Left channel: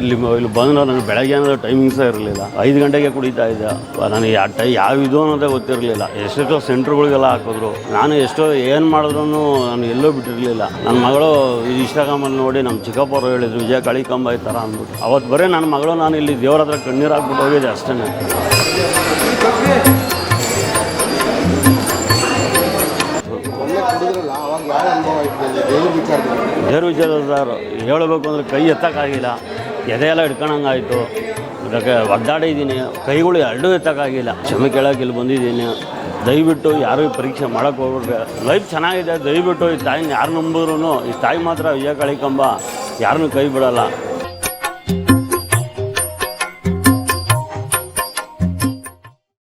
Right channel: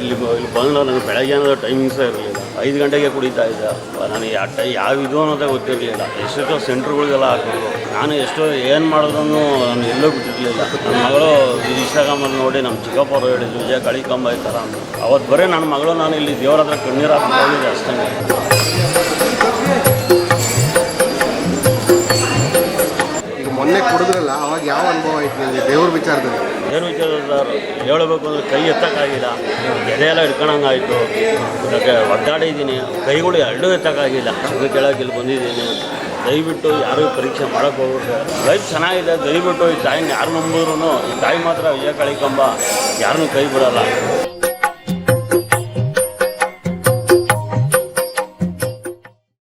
ಇಲ್ಲಿ ಬಂದು ನನಗೆ ಬೆಳಗ್ಗೆ ಅನ್ನೋ ಟೈಮಿಂಗ್ಸೇ ಇರಲಿಲ್ಲ. 5 ಗಂಟೆಗೆ ಕುಡಿತಾ ಇದ್ದೆ. ನನಗೆ ಯಾವ ಇದು ಅನ್ನೋದೇ ಗೊತ್ತಿರಲಿಲ್ಲ. ಎಷ್ಟೋ ಸೆಂಟ್ರ್ಗಳಿಗೆಲ್ಲ ಹಾಕಿದ್ರು. ನಾನು ಎಷ್ಟೋ ಏನು ಮಾಡಿದ್ರು ನಾನು ಎಲ್ಲೋ ಬಿಟ್ಟಿರಲಿಲ್ಲ. ನನ್ನ ಮಗಳು ಇನ್ಸ್ಟಾಗ್ರಾಮಲ್ಲಿ ನೋಡಿ ನಮ್ಮ ಚಿಕ್ಕಪ್ಪರು ಹೇಳಿದ್ರು ವಿಜಯ ಕಳಿಕಂಬ ಈ ಥರ ಅಂದರು. ಅವತ್ತು ಬರೀ ನನ್ನ ಮಗಳು ನಾನು ಇಲ್ಲಿ ದೇವರ ಹತ್ರ ಕಣ್ಣೀರಾಗ್ಬಿಟ್ಟು ಹೋಗಿದೆ ಅಷ್ಟೇ. ಮೊನ್ನೆ ಕುಡಿದ್ರಲ್ಲ, ಅವಾಗ ಯಾವ ಅನುಭವ ಆಯ್ತು ನನಗೆ ದೇವ್ರ ವಿಚಾರದಲ್ಲಿ? ದೇವ್ರ ವಿಚಾರದಲ್ಲಿ ಹೇಳಬೇಕು ಅಂದರೆ ಕೈ ಎತ್ತಕ್ಕಾಗಿಲ್ಲ, ಎದೆಯೆಲ್ಲ ಹಿಡ್ಕೊಳಂಗಾಯಿತು. ಅದಕ್ಕೆ ಒದ್ದಾಡಿದ್ದೀನಿ, ಕೈಗಳು ಎರಡೂ ಎತ್ತಕ್ಕಾಗಿಲ್ಲ. ಕ್ಷಮೆ ಕೇಳೋಕೆ ಇಲ್ಲಿ ಬಂದಿದ್ದೀನಿ. ದಯವಿಟ್ಟು ಯಾರೂ ಪರೀಕ್ಷೆ ಮಾಡೋಕ್ಕೆ ಹೋಗ್ಬಿಟ್ರೆ ಲೈಫ್ ಚೆನ್ನಾಗಿದೆ. ದಯವಿಟ್ಟು ಈ ತಾಯಿನ ಯಾರು ನಂಬಿದ್ರು ಈ ತಾಯಿ ಮಾತ್ರ ವಿಜಯ ಕಳಿಕಂಬ ಯಾರನ್ನೂ ಕೈ ಬಿಡೋಲ್ಲ.